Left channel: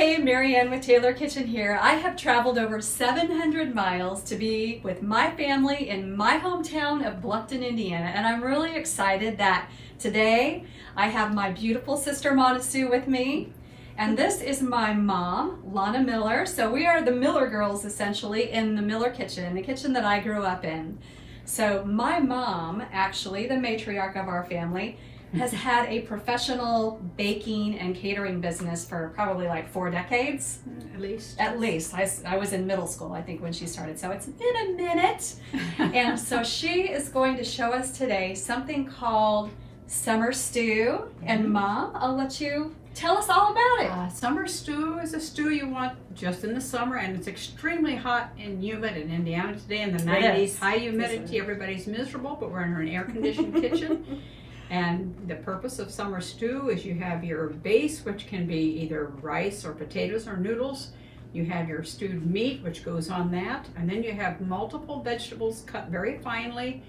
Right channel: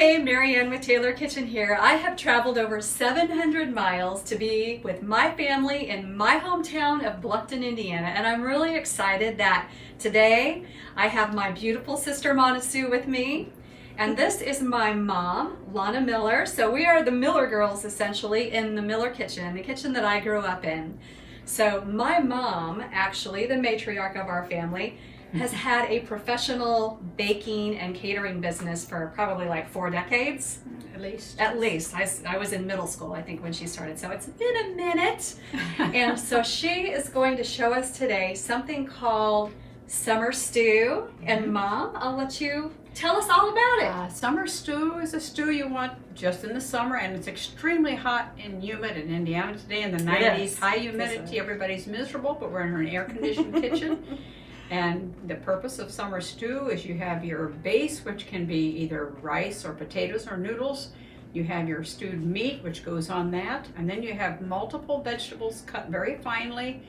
Hey, Marianne with Taylor Kitchen here. I have traveled over 700 miles to be with my family in my hometown of Bluffton, Indiana, and I'm really excited that today I have my beautiful sister Mona Sue with me, and this is my mom, Lana Miller. So we are the Miller girls essentially in the Miller kitchen, the kitchen that I grew up in. So my mom, actually the matriarch of our family, has had a professional baking and catering business for probably like 4 decades. At least. I was in middle school, I think, when she started, so it's been a minute. And so she is going to show us today something called summer stew. And Mom, I'll let you tell us all about it. Summer stew is a stew you want just in the summer, and it's extremely hot and humid in Indiana today in the 90s. High humidity, everybody's miserable, but we're in an air-conditioned kitchen. And the purpose of summer stew is you have your base, which can be either rice or potatoes or noodles. You have your stewed meat, which goes on that. And then you have multiple vegetables cut very finely.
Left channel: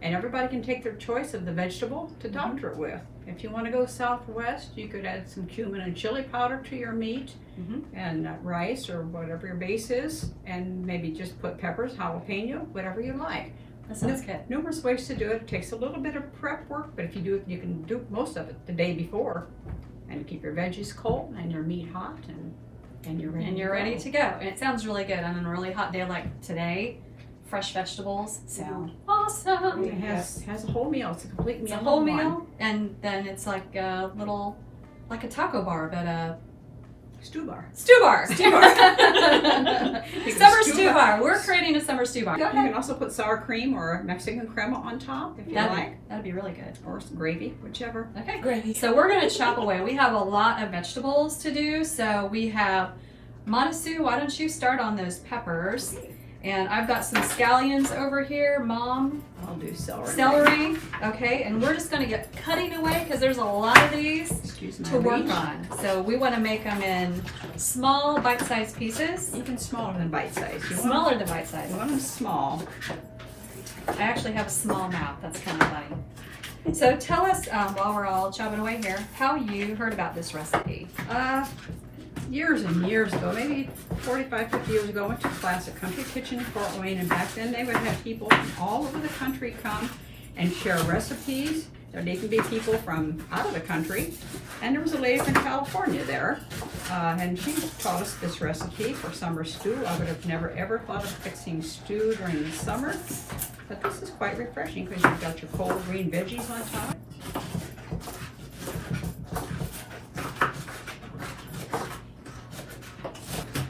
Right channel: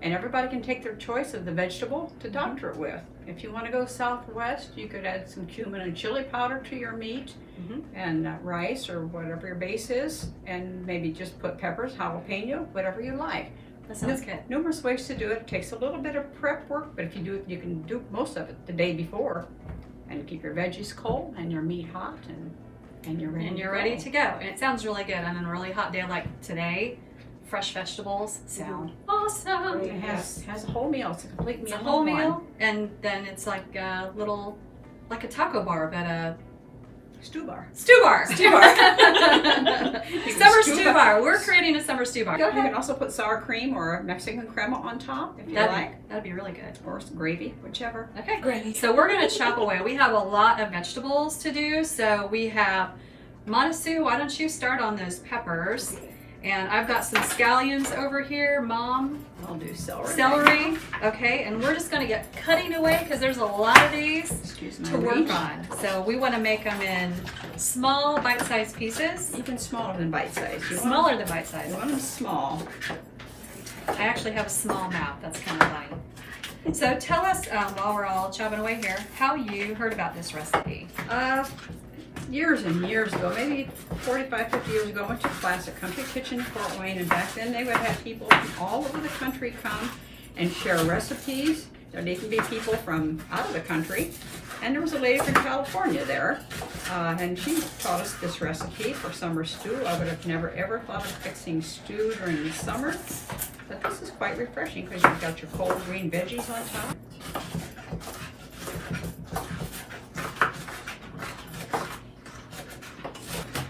And everybody can take their choice of the vegetable to doctor it with. If you want to go southwest, you could add some cumin and chili powder to your meat and rice or whatever your base is. And maybe just put peppers, jalapeno, whatever you like. That sounds good. Numerous ways to do it. It takes a little bit of prep work, but if you do it, you can do most of it the day before, and keep your veggies cold and your meat hot, and you're ready. And you're ready to go. And it sounds really good on a really hot day like today. Fresh vegetables sound awesome. It has a whole meal. It's a complete meal. It's a whole meal, and then it's like a little, like a taco bar, but a stew bar. Stew bar. Summer stew bar. bar. We're creating a summer stew bar. You can also put sour cream or Mexican crema on top if you like. That'd be really good. Or gravy, whichever. Okay, great. So we're gonna chop away. We have a lot of vegetables to do. So we have, Mona Sue, why don't you start on those peppers? And I've got some scallions over here. Mom, I'll do celery. Celery. Okay, and we're just gonna get cutting away because there's a lot of these to work on. So we want to make them in small, bite-sized pieces. Even smaller than bite-sized. Smaller than bite-sized. You want them small. I actually have a small mouth. That's kind of funny. So tell us, while we're all chopping away here, how you heard about this recipe. Years and years ago, maybe 45, 50 years ago, I went to class at Country Kitchen in Fort Wayne, and back then they would have people from all over the country come and share recipes. They can be people from out of the country, and there was a lady from California there, and she taught us this recipe for summer stew. I would have never ever thought of fixing stew during the summer, but this is quite refreshing because you've got your cold green veggies on top.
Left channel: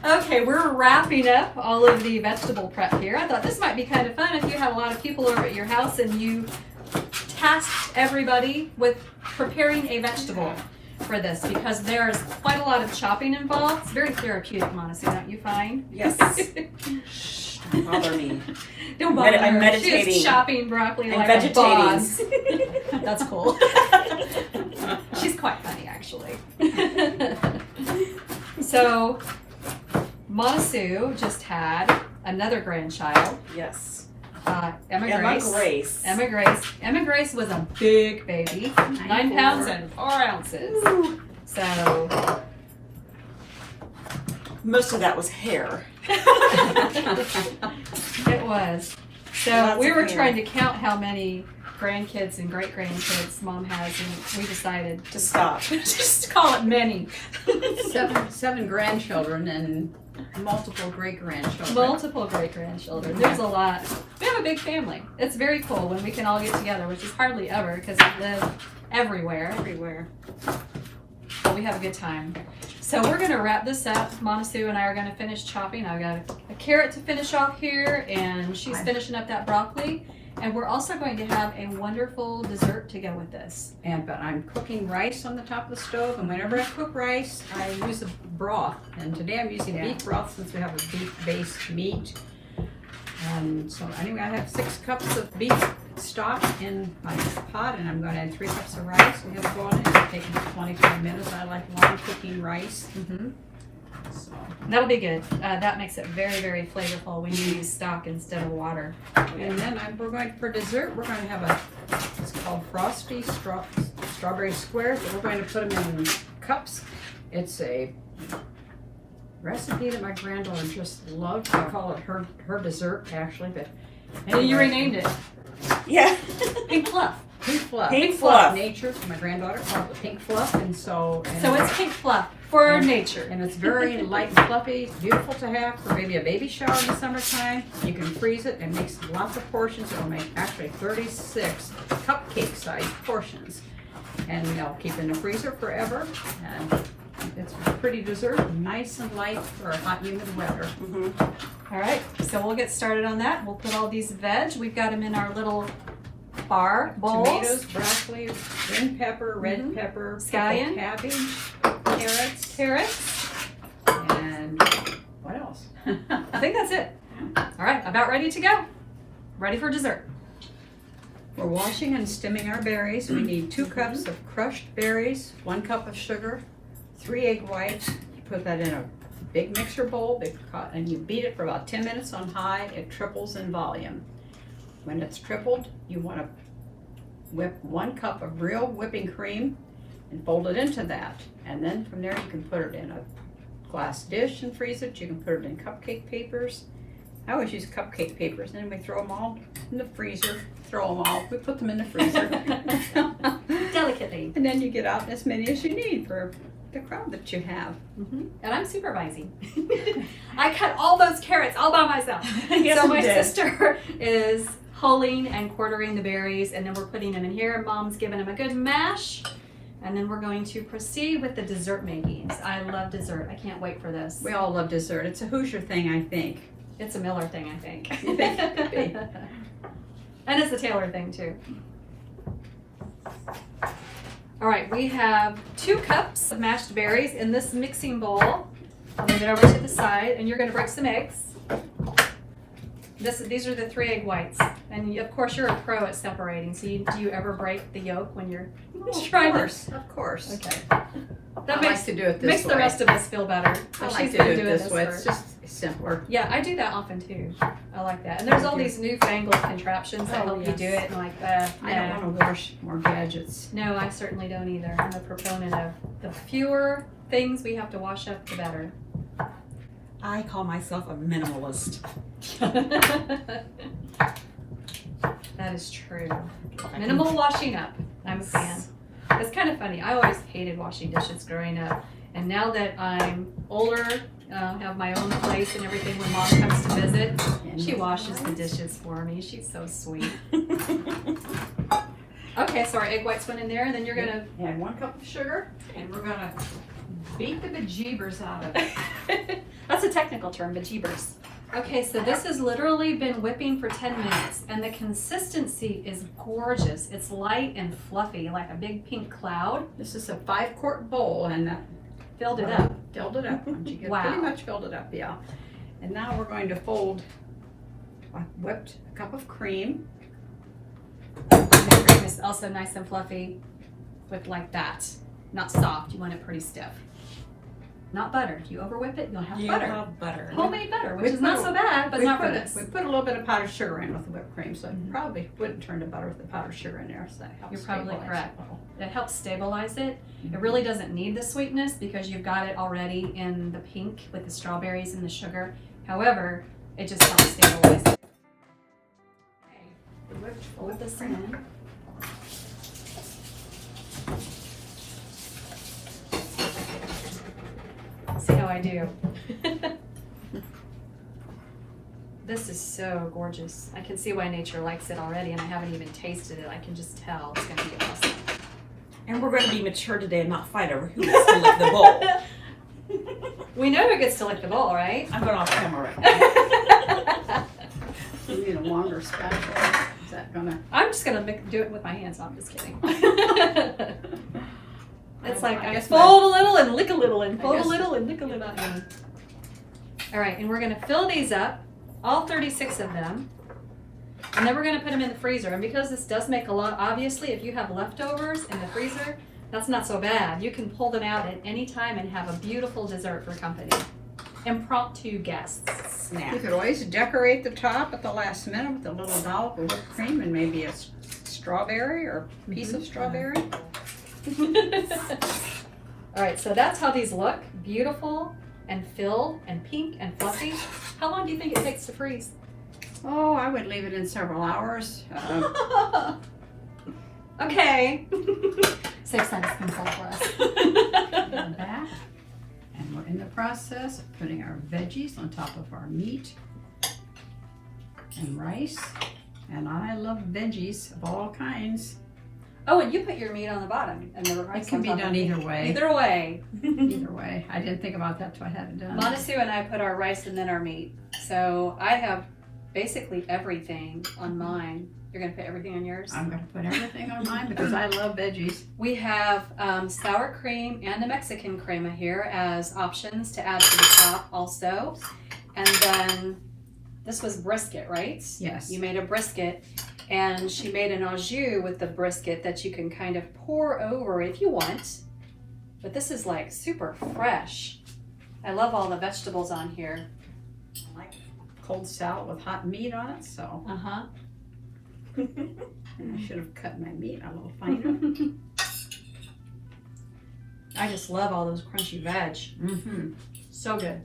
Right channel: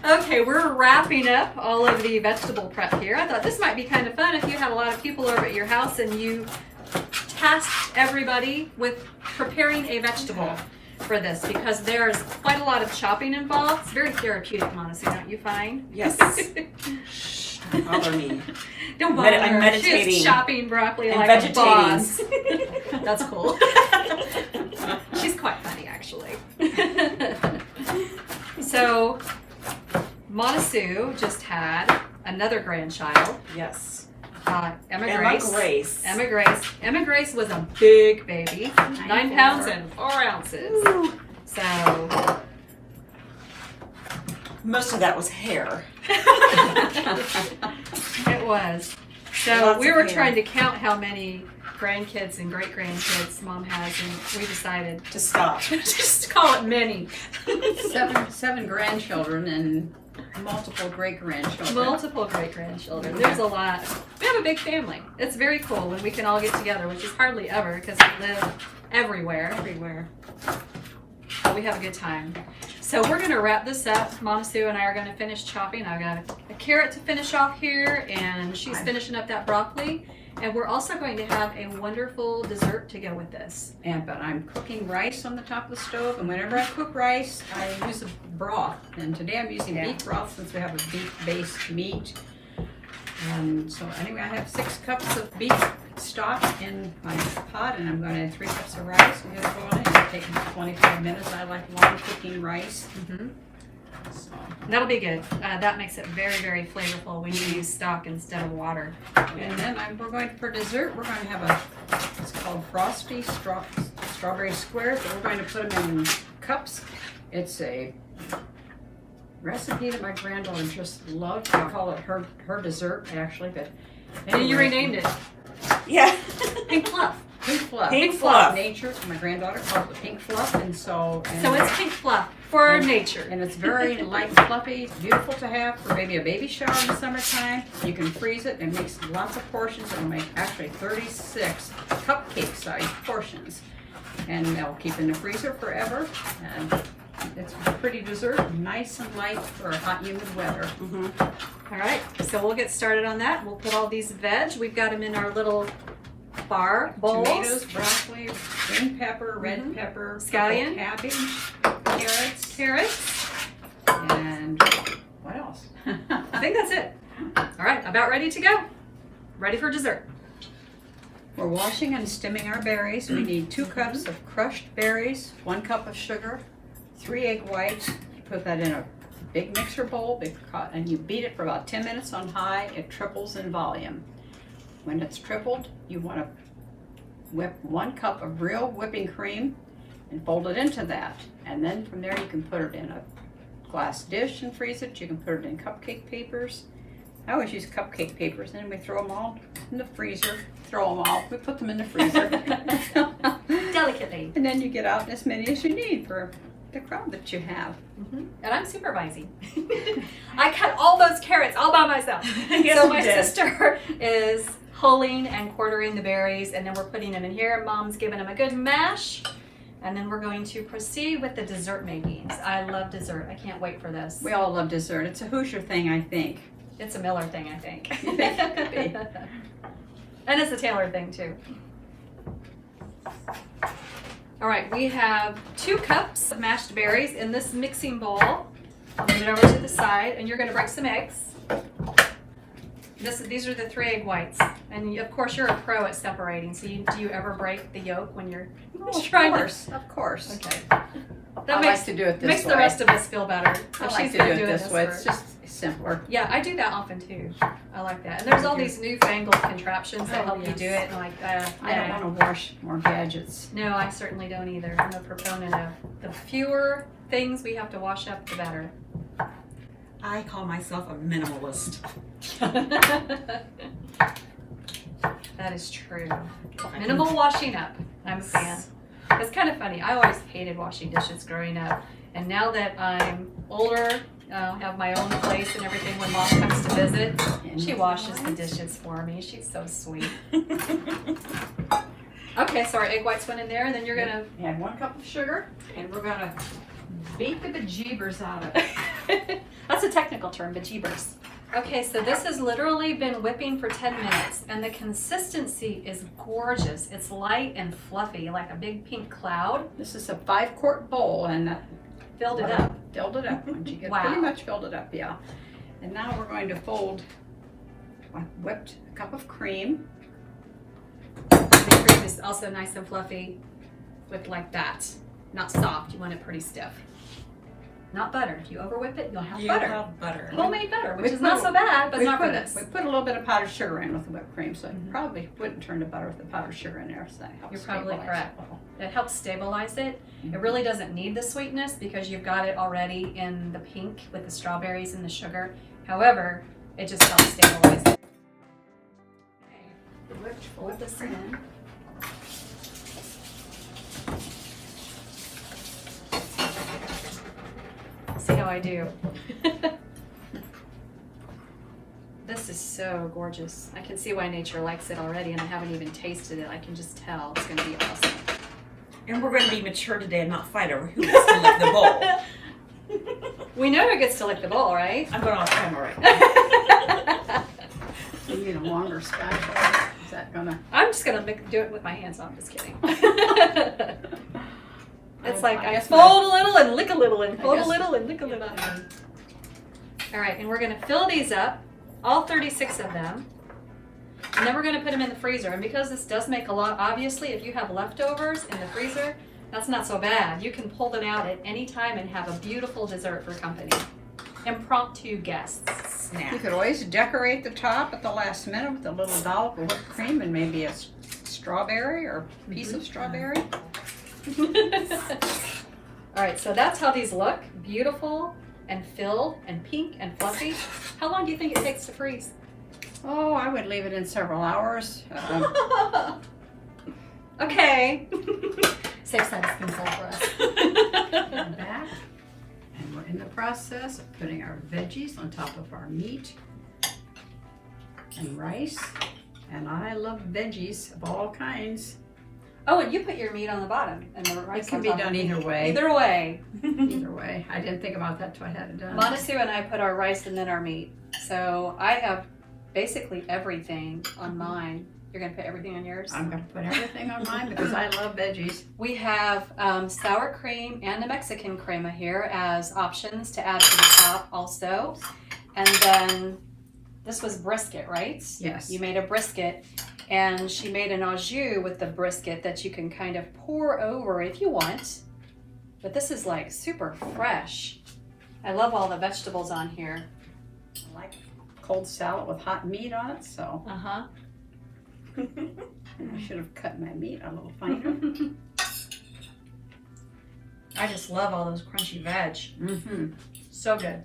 Okay, we're wrapping up all of the vegetable prep here. I thought this might be kind of fun if you have a lot of people over at your house and you task everybody with preparing a vegetable for this, because there's quite a lot of chopping involved. It's very therapeutic, Mona Sue, don't you find? Yes. Shh, don't bother me. Don't bother I'm her. meditating. She's chopping broccoli and like a boss. vegetating. That's cool. She's quite funny, actually. So, Mona Sue just had another grandchild. Yes. Emma Grace. Emma Grace was a big baby, 9 pounds and 4 ounces. Ooh. So most of that was hair. it was. So Lots we of were hair. trying to count how many grandkids and great grandkids Mom has, and we decided To stop. just call it many. Seven grandchildren and multiple great-grandchildren. Multiple great grandchildren. There's a lot. We have a big family. It's very cool when we can all get together, which is hardly ever because we live everywhere. But we have a good time. So we're going to wrap this up. Mom Sue and I are going to finish chopping. I've got a carrot to finish off here, and she's finishing up that broccoli. And we're also going to have a wonderful dessert to go with this. But I'm cooking rice on the top of the stove, and whenever I cook rice, I use a broth. And today I'm using beef broth since we have a beef-based meat. So anyway, I have 6 cups of beef stock in my pot, and I'm going to add 3 cups of rice. We're going to go on it. It'll take about 25 minutes. I like long cooking rice. So that'll be good. That makes it very, very flavorful when you use stock instead of water. And then we're going, for dessert, we're going to have it's called Frosty Strawberry Squares, but we're going to put them in cups. It's a recipe that my granddaughter just loved. I call it her dessert, actually, but And you renamed it Yeah. Pink Fluff. Pink Fluff. Pink Fluff. Nature. My granddaughter called it Pink Fluff, and So it's Pink Fluff for And- nature. and it's very light and fluffy. It's beautiful to have for maybe a baby shower in the summertime. You can freeze it and makes lots of portions. It'll make actually 36 cupcake-sized portions, and they'll keep in the freezer forever. And it's a pretty dessert, nice and light for hot, humid weather. Mhm. All right, so we'll get started on that. We'll put all these veg. We've got them in our little bar bowls. Tomatoes, broccoli, green pepper, red Mhm. pepper, Scallion. cabbage, carrots, Carrots. and what else? I think that's it. All right, about ready to go. Ready for dessert. We're washing and stemming our berries. We need 2 cups of crushed berries, 1 cup of sugar, 3 egg whites. You put that in a big mixer bowl and you beat it for about 10 minutes on high. It triples in volume. When it's tripled, you want to whip 1 cup of real whipping cream and fold it into that. And then from there you can put it in a glass dish and freeze it. You can put it in cupcake papers. I always use cupcake papers, and then we throw them all in the freezer. Throw them all. We put them in the freezer. Delicately. And then you get out as many as you need for the crowd that you have. And I'm supervising. I cut all those carrots all by myself. Yes, So you my did. sister is hulling and quartering the berries, and then we're putting them in here. Mom's giving them a good mash. And then we're going to proceed with the dessert makings. I love dessert. I can't wait for this. We all love dessert. It's a Hoosier thing, I think. It's a Miller thing, I think. Could be. And it's a Taylor thing, too. All right, we have 2 cups of mashed berries in this mixing bowl. I'll move it over to the side, and you're going to break some eggs. These are the 3 egg whites. And of course, you're a pro at separating. So do you ever break the yolk when you're trying to? Of course. Okay. I That like makes to do it this makes way. the rest of us feel better. I If like she's to been do it doing this way. It's for- just simpler. Yeah, I do that often too. I like that. And there's all these newfangled contraptions that Oh, help you yes. do it. And like, I don't nah. want to wash more gadgets. No, I certainly don't either. I'm a proponent of the fewer things we have to wash up, the better. I call myself a minimalist. That is true. Minimal washing up. I'm a fan. It's kind of funny. I always hated washing dishes growing up. And now that I'm older, have my own place and everything, when Mom comes to visit, she washes the dishes for me. She's so sweet. Okay, so our egg whites went in there, and then you're gonna Add 1 cup of sugar, and we're gonna beat the bejeebers out of it. That's a technical term, bejeebers. Okay, so this has literally been whipping for 10 minutes, and the consistency is gorgeous. It's light and fluffy, like a big pink cloud. This is a 5-quart bowl, and that Filled it up. Filled it up. Once you get Wow. pretty much filled it up, yeah. And now we're going to fold a whipped cup of cream. The cream is also nice and fluffy, whipped like that. Not soft, you want it pretty stiff. Not butter. If you over whip it, you'll have butter. Butter. Homemade butter, We which is put not a- so bad, but we not for put this. We put a little bit of powdered sugar in with the whipped cream, so Mhm. it probably wouldn't turn to butter with the powdered sugar in there. So that helps You're probably stabilize correct. it a little. It helps stabilize it. Mhm. It really doesn't need the sweetness because you've got it already in the pink with the strawberries and the sugar. However, it just helps stabilize it. Okay, fold this in. See how I do. This is so gorgeous. I can see why nature likes it already, and I haven't even tasted it. I can just tell it's going to be awesome. And we're going to be mature today and not fight over who gets to lick the bowl. We know who gets to lick the bowl, right? I'm going off camera right now. You need a longer spatula. Is that gonna? I'm just gonna do it with my hands. No, I'm just kidding. It's like I guess fold a little and lick a little and fold a guess- little and lick a little. All right, and we're gonna fill these up, all 36 of them, and then we're gonna put them in the freezer. And because this does make a lot, obviously, if you have leftovers in the freezer, that's not so bad. You can pull them out at any time and have a beautiful dessert for company. Impromptu guests. You Snack. could always decorate the top at the last minute with a little dollop of whipped cream and maybe a strawberry or a piece of strawberry. All right, so that's how these look. Beautiful, and filled and pink and fluffy. How long do you think it takes to freeze? Oh, I would leave it in several hours. Okay. Safe side, spin side for us. Come back, and we're in the process of putting our veggies on top of our meat and rice. And I love veggies of all kinds. Oh, and you put your meat on the bottom and the rice It can on be top. done either way. Either way. Either way. I didn't think about that till I had it done. Monasu and I put our rice and then our meat. So I have basically everything on mine. You're gonna put everything on yours? I'm gonna put everything on mine because I love veggies. We have sour cream and a Mexican crema here as options to add to the top also. And then this was brisket, right? Yes. You made a brisket, and she made an au jus with the brisket that you can kind of pour over if you want. But this is like super fresh. I love all the vegetables on here. I like cold salad with hot meat on it, so Uh-huh. I should have cut my meat a little finer. I just love all those crunchy veg. Mm-hmm. So good.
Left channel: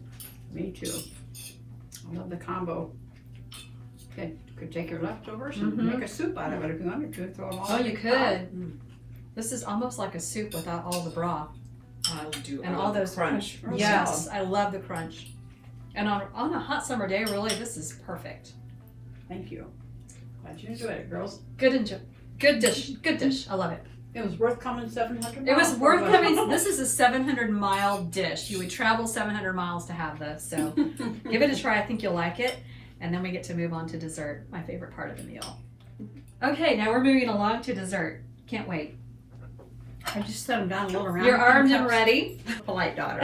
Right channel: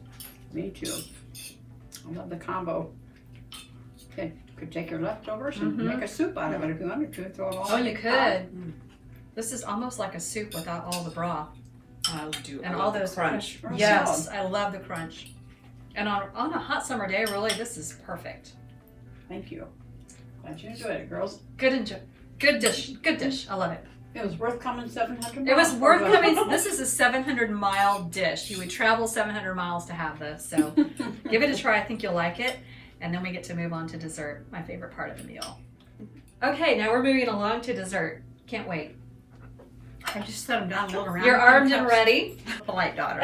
Me too. I love the combo. Could take your leftovers and Mhm. make a soup out of it if you wanted to. Throw it all Oh, in you the could. pot. This is almost like a soup without all the broth. I do. And I all love the those crunch. Or Yes, salad. I love the crunch. And on a hot summer day, really, this is perfect. Thank you. Glad you enjoyed it, girls. Good dish. Good dish. I love it. It was worth coming 700 It was miles worth for coming. This is a 700-mile dish. You would travel 700 miles to have this. So give it a try. I think you'll like it. And then we get to move on to dessert, my favorite part of the meal. Okay, now we're moving along to dessert. Can't wait. I just set them down a little around. You're armed and ready. Polite daughter.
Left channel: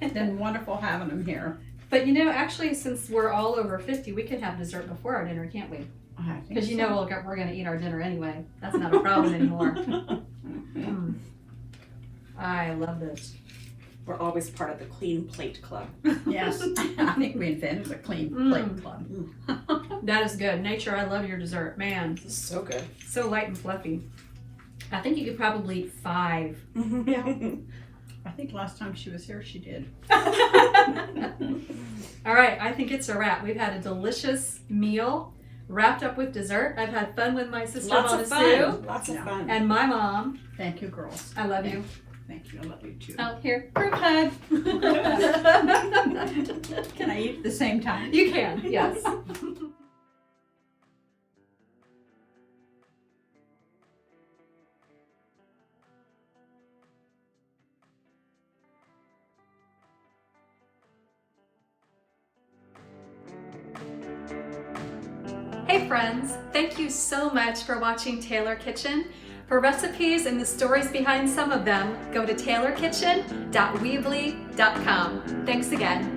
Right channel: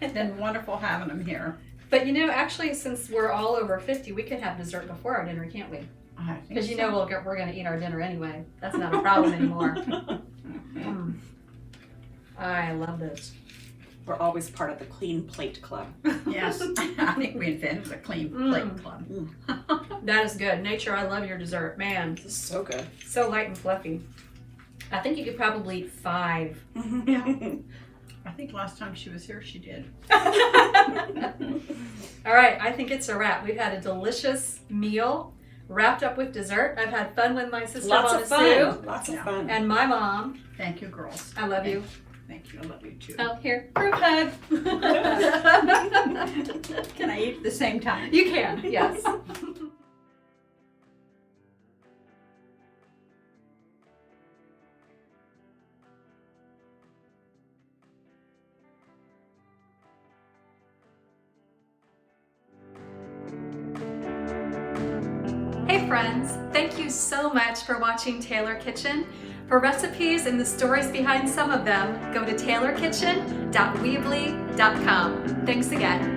Been wonderful having them here. But you know, actually, since we're all over 50, we can have dessert before our dinner, can't we? I think Because you know so. we're going to eat our dinner anyway. That's not a problem anymore. Mm. I love this. We're always part of the Clean Plate Club. Yes, I think we invented the Clean Plate Club. That is good. Nature, I love your dessert. Man, This is so good. so light and fluffy. I think you could probably eat 5. Yeah. I think last time she was here, she did. All right, I think it's a wrap. We've had a delicious meal wrapped up with dessert. I've had fun with my sister Lots of Monasu fun. Lots of Yeah. fun. and my mom. Thank you, girls. I love you. Thank you. I love you too. Oh, here, group hug. Can I eat at the same time? You can, yes. Hey friends, thank you so much for watching Taylor Kitchen. For recipes and the stories behind some of them, go to taylorkitchen.weebly.com. Thanks again.